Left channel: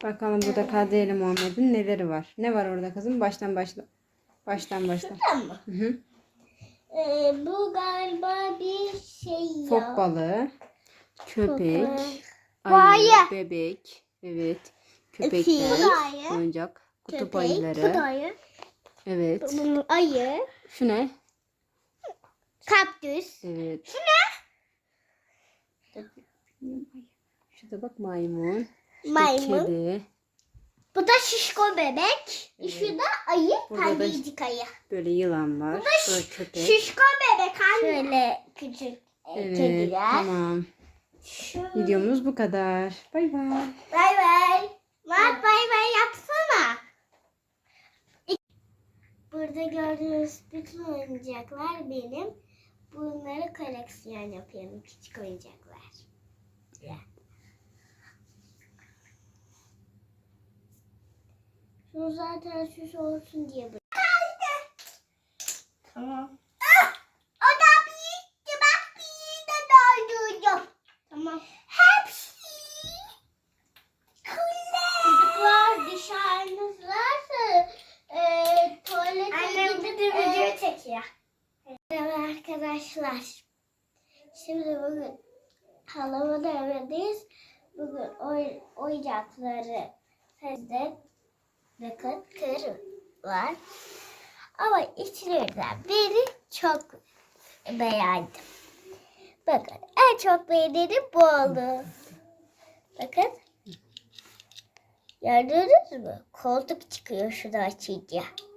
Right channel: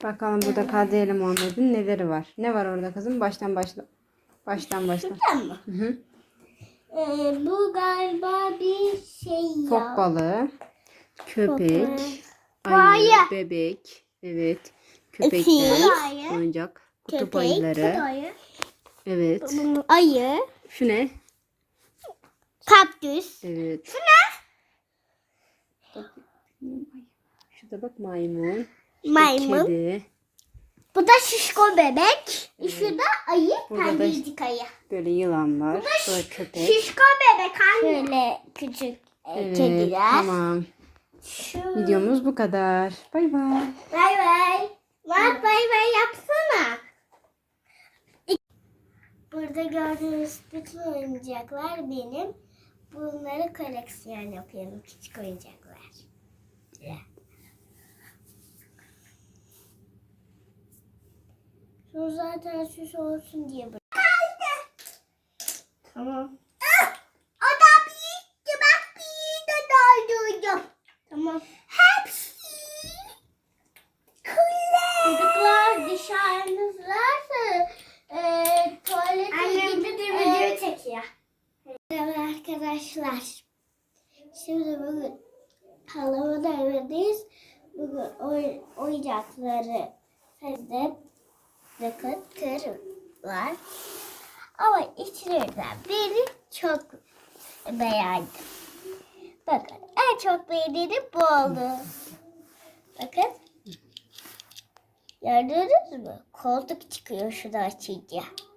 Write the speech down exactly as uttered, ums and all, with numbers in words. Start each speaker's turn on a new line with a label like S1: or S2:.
S1: Bakalım burada Kadriye ile Muhammed'in neleri var? Ne var orada kızım? Baştan başla. Baştan başla.
S2: Şuradan mı?
S1: Hı hı.
S2: Ee, bu galiba bir şey ya.
S1: Fok balığı, köpek,
S2: Fok.
S1: ayı,
S2: Ayı.
S1: bebek, evet,
S2: Fil.
S1: köpekler,
S2: Ayı.
S1: oyuncak, kutup
S2: Köpek,
S1: ayıları,
S2: ayı.
S1: evet.
S2: Ayı.
S1: Şu ne?
S2: Kaktüs.
S1: Evet. Şu ne? Şurada bak maymun. Şurada
S2: Maymun.
S1: kedi.
S2: Bu da şişko bebek.
S1: Evet.
S2: Şu da ayı.
S1: Burada da
S2: Pembecik ayı.
S1: böyle yılan var. Burada köpek.
S2: Şişko bebek anne. Şöyle küçük
S1: Evet,
S2: kediler.
S1: tamam.
S2: Şu...
S1: Videomuz bu kadar. Bay bay.
S2: Bay bay. Bak bay bay yapsana. Burada gördüğünüz bütün oyuncaklar benim. Bunları koleksiyon yapıyorum. Küçük oyuncaklar. Şu zaten süs olsun diye bırak. Tamam. O da büyüktü. Bak büyüğü de doldurdum. Tamam. Hepsi. Çocuklar dışarınızlarsa e, tuvalete Annem gidip de video çekiyor. Merhaba arkadaşlar. Şimdi bugün halamın evindeyiz. Bugün oy, oyuncakları sizde bakın kır var. Ama içlerinden biri çok beğendim. Bakın en çok beğendiğim bu oldu. Bakın. Gördünüz mü? Koltuk çıkıyor şunu açınca.